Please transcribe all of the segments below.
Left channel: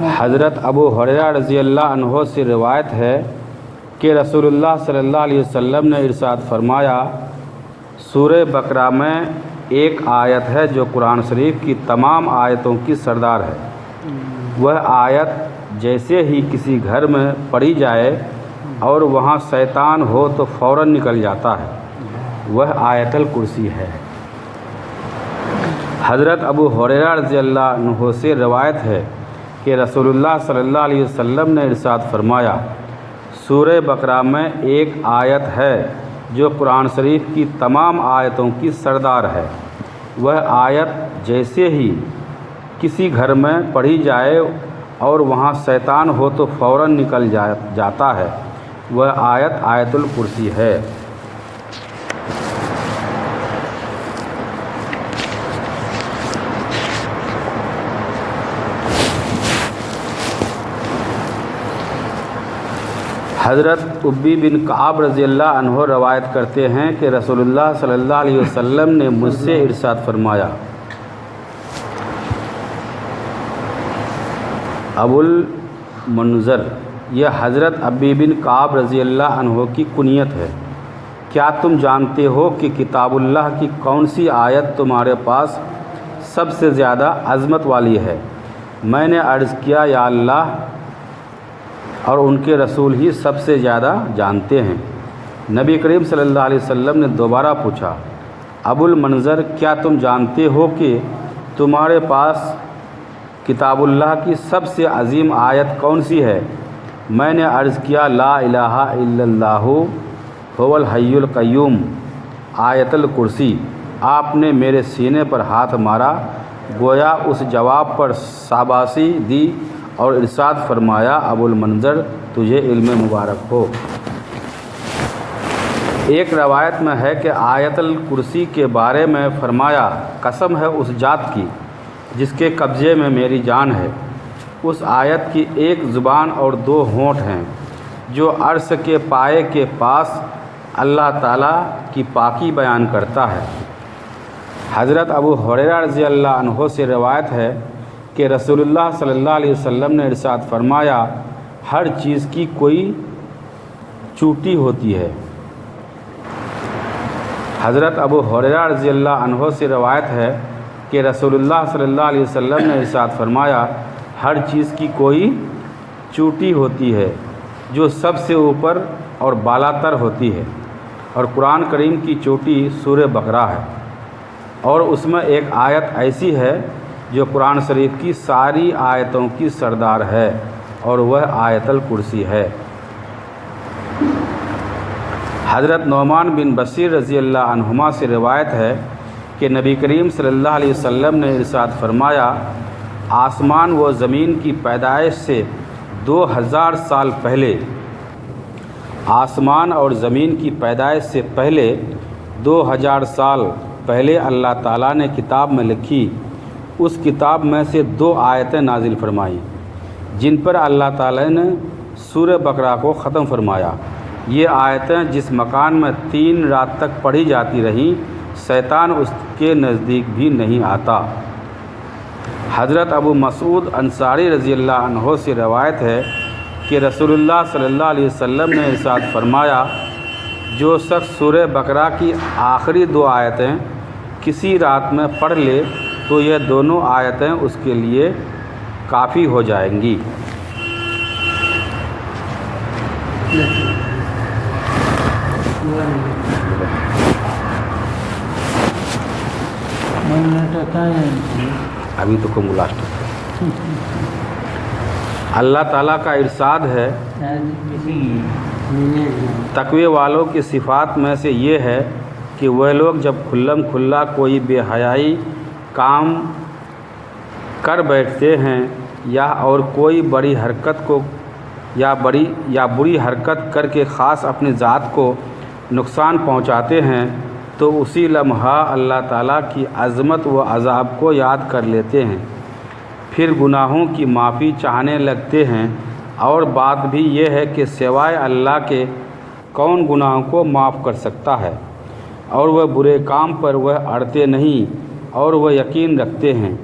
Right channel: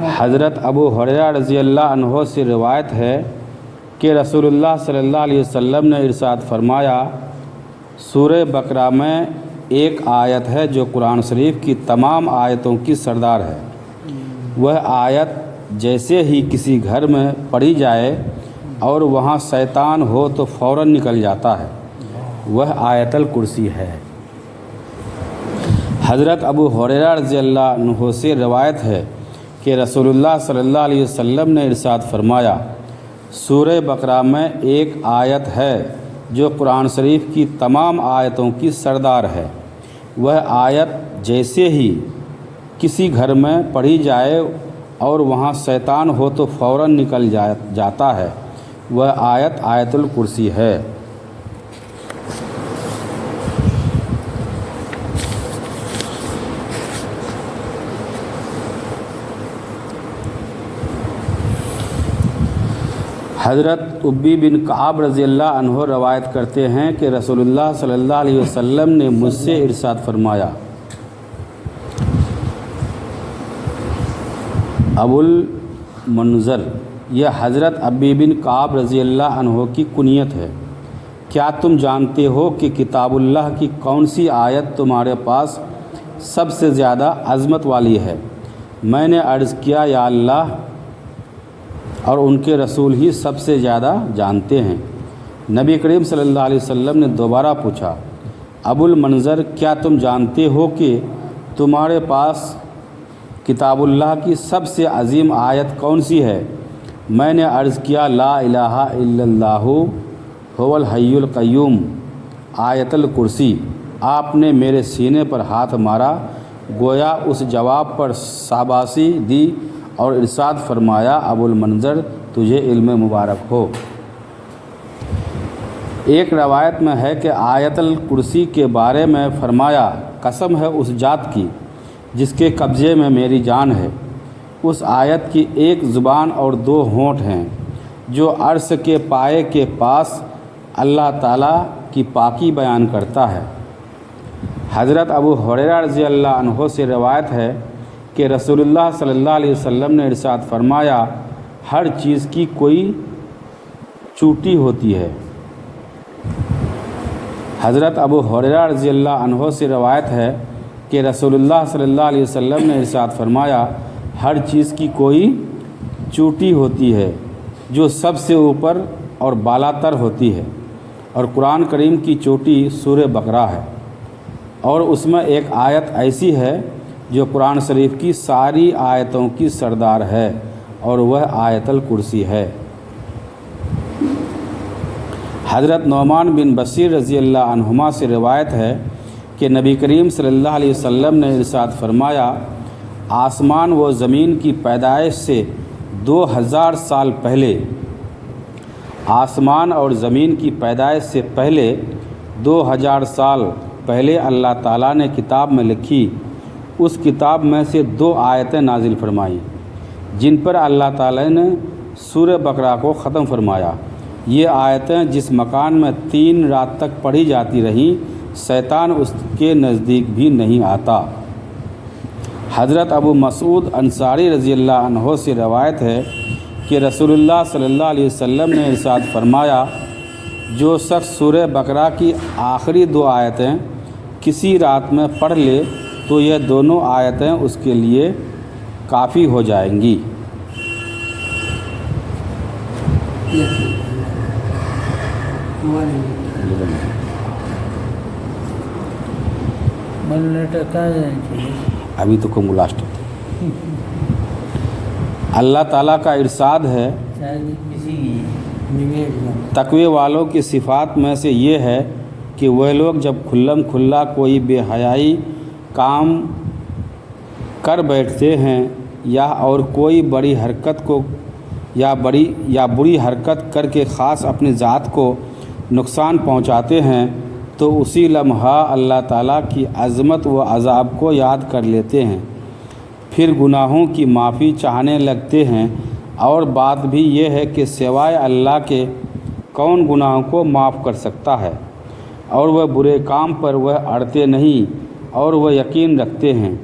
حضرت ابو ہریرہ رضی اللہ عنہ سے روایت ہے کہ رسول اللہ صلی اللہ علیہ وسلم نے ارشاد فرمایا، سورہ بقرہ میں ایک آیت ہے جو قرآن شریف کی تمام آیتوں کی سردار ہے۔ وہ آیت جیسے ہی کسی گھر میں پڑھی جائے اور وہاں شیطان ہو تو فوراً نکل جاتا ہے، وہ آیت الکرسی ہے۔ حضرت ابو ہریرہ رضی اللہ عنہ سے روایت ہے کہ رسول اللہ صلی اللہ علیہ وسلم نے ارشاد فرمایا، سورہ بقرہ میں ایک آیت ہے جو قرآن شریف کی تمام آیتوں کی سردار ہے۔ وہ آیت جیسے ہی کسی گھر میں پڑھی جائے اور وہاں شیطان ہو تو فوراً نکل جاتا ہے، وہ آیت آیت الکرسی ہے۔ حضرت ابی بن کعب رضی اللہ عنہ روایت کرتے ہیں کہ رسول اللہ صلی اللہ علیہ وسلم نے مجھ سے ارشاد فرمایا، ابو المنذر، یہ حضرت ابی بن کعب رضی اللہ عنہ کی کنیت ہے، کیا تم جانتے ہو کہ کتاب اللہ کی کون سی آیت تمہارے پاس سب سے زیادہ عظمت والی ہے؟ میں نے عرض کیا، یا اللہ اور ان کے رسول ہی سب سے زیادہ جانتے ہیں۔ نبی کریم صلی اللہ علیہ وسلم نے دوبارہ پوچھا، ابو المنذر، کیا تم جانتے ہو کہ تمہارے پاس کتاب اللہ کی سب سے عظیم آیت کون سی ہے؟ میں نے عرض کیا، لا الہ الا اللہ هو الحی القیوم، آیت الکرسی۔ آپ نے میرے سینے پر ہاتھ مارا، گویا اس جواب پر شاباشی دی اور ارشاد فرمایا، ابو المنذر، تجھے علم مبارک ہو۔ ایک روایت میں ہے کہ آیت الکرسی کے بارے میں فرمایا، قسم ہے اس ذات کی جس کے قبضے میں میری جان ہے، اس آیت کی ایک زبان اور دو ہونٹ ہیں جو عرش کے پائے کے پاس اللہ تعالیٰ کی پاکی بیان کرتا ہے۔ حضرت ابو ہریرہ رضی اللہ عنہ سے روایت ہے کہ رسول اللہ صلی اللہ علیہ وسلم نے ارشاد فرمایا، ہر چیز کی کوئی چوٹی ہوتی ہے۔ حضرت ابو ہریرہ رضی اللہ عنہ سے روایت ہے کہ رسول اللہ صلی اللہ علیہ وسلم نے ارشاد فرمایا، ہر چیز کی کوئی چوٹی ہوتی ہے جو سب سے اوپر اور بالا تر ہوتی ہے، اور قرآن کریم کی چوٹی سورہ بقرہ ہے، اور اس میں ایک آیت ایسی ہے جو قرآن شریف کی ساری آیتوں کی سردار ہے، اور وہ آیت الکرسی ہے۔ حضرت نعمان بن بشیر رضی اللہ عنہما سے روایت ہے کہ نبی کریم صلی اللہ علیہ وسلم نے ارشاد فرمایا، آسمان و زمین کی پیدائش سے 2000 سال پہلے، آسمان اور زمین کی پیدائش سے پہلے 2000 سال پہلے اللہ تعالیٰ نے کتاب میں لکھی، اس کتاب میں سے 2 آیتیں نازل فرمائیں جن پر اللہ تعالیٰ نے سورہ بقرہ کو ختم فرمایا۔ یہ آیتیں جس مکان میں 3 رات تک پڑھی جاتی رہیں، شیطان اس کے نزدیک بھی نہیں آتا۔ حضرت ابو مسعود انصاری رضی اللہ عنہ سے روایت ہے کہ رسول اللہ صلی اللہ علیہ وسلم نے ارشاد فرمایا، جو شخص سورہ بقرہ کی آخری 2 آیتیں کسی رات میں پڑھ لے تو یہ دونوں آیتیں اس کے لیے کافی ہو جائیں گی۔ ابھی تو کم لاسٹ اللہ تعالیٰ کا ارشاد ہے، تقوی والوں کی صفات میں سے یہ ہے کہ وہ لوگ جب کھلم کھلا کوئی بے حیائی کام کر بیٹھتے ہیں یا اور کوئی بڑی حرکت کو یا بری حرکت کر کے خاص اپنی ذات کو نقصان پہنچاتے ہیں، تو اسی لمحہ اللہ تعالیٰ کی عظمت و عذاب کو یاد کر لیتے ہیں، پھر گناہوں کی معافی چاہنے لگتے ہیں، اور بات بھی یہ ہے کہ سوائے اللہ کے کون گناہوں کو معاف کر سکتا ہے، اور وہ برے کام پر وہ اڑتے نہیں، اور وہ یقین رکھتے ہیں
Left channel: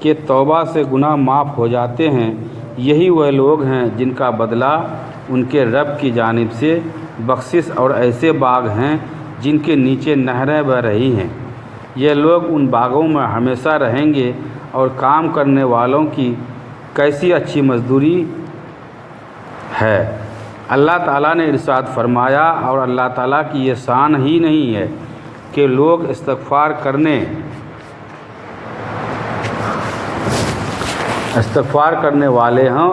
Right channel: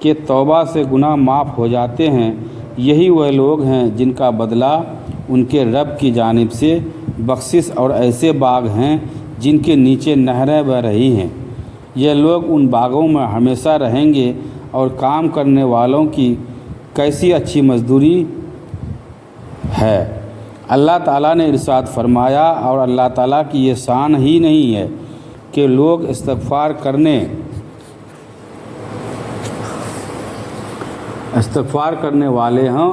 کہ توبہ سے گناہ معاف ہو جاتے ہیں، یہی وہ لوگ ہیں جن کا بدلہ ان کے رب کی جانب سے بخشش اور ایسے باغ ہیں جن کے نیچے نہریں بہہ رہی ہیں۔ یہ لوگ ان باغوں میں ہمیشہ رہیں گے اور کام کرنے والوں کی کیسی اچھی مزدوری ہے۔ اللہ تعالیٰ نے ارشاد فرمایا، اور اللہ تعالیٰ کی یہ شان ہی نہیں ہے کہ لوگ استغفار کرنے والے ہوں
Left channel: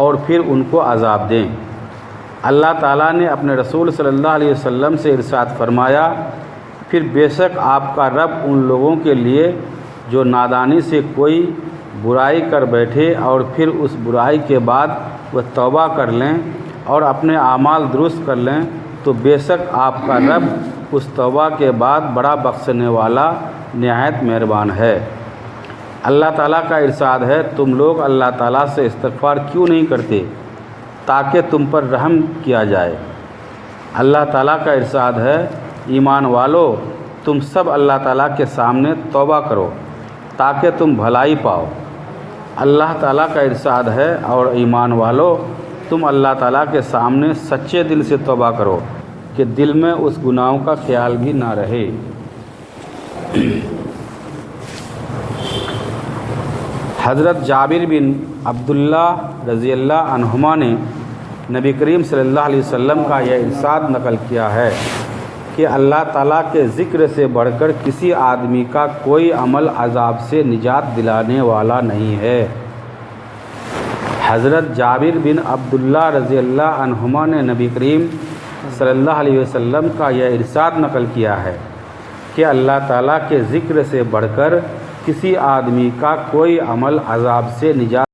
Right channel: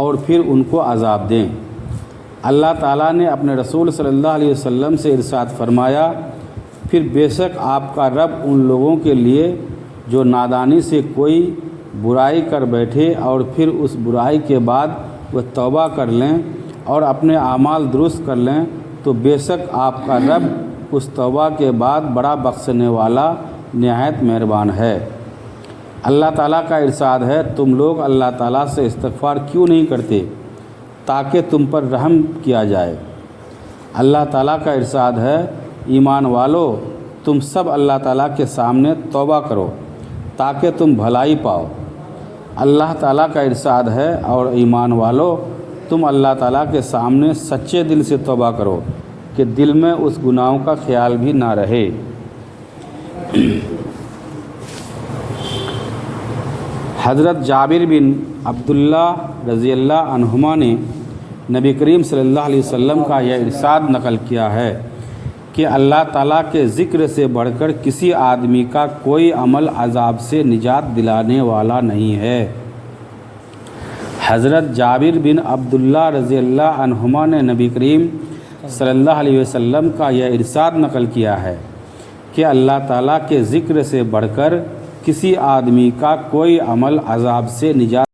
اور پھر ان کو عذاب دیں۔ اللہ تعالیٰ نے اپنے رسول صلی اللہ علیہ وسلم سے ارشاد فرمایا، پھر بے شک آپ کا رب ان لوگوں کے لیے جو نادانی سے کوئی برائی کر بیٹھے اور پھر اس برائی کے بعد وہ توبہ کر لیں اور اپنے اعمال درست کر لیں، تو بے شک آپ کا رب اس توبہ کے بعد بڑا بخشنے والا نہایت مہربان ہے۔ اللہ تعالیٰ کا ارشاد ہے، تم لوگ اللہ تعالیٰ سے استغفار کیوں نہیں کرتے تاکہ تم پر رحم کیا جائے۔ اللہ تعالیٰ کا ارشاد ہے، ایمان والو تم سب اللہ تعالیٰ کے سامنے توبہ کرو تاکہ تم بھلائی پاؤ۔ اللہ تعالیٰ کا ارشاد ہے، اور ایمان والو تم اللہ تعالیٰ کے سامنے سچے دل سے توبہ کرو کہ دل میں اس گناہوں کا خیال بھی نہ رہے۔ حضرت جابر بن عبداللہ رضی اللہ عنہما نے نبی کریم صلی اللہ علیہ وسلم کا یہ ارشاد نقل کیا ہے کہ اللہ تعالیٰ کے ذکر سے بڑھ کر کسی آدمی کا کوئی عمل عذاب سے نجات دلانے والا نہیں ہے۔ حضرت جابر بن عبداللہ رضی اللہ عنہما نے نبی کریم صلی اللہ علیہ وسلم کا یہ ارشاد نقل کیا ہے کہ اللہ تعالیٰ کے ذکر سے بڑھ کر کسی آدمی کا کوئی عمل عذاب سے نجات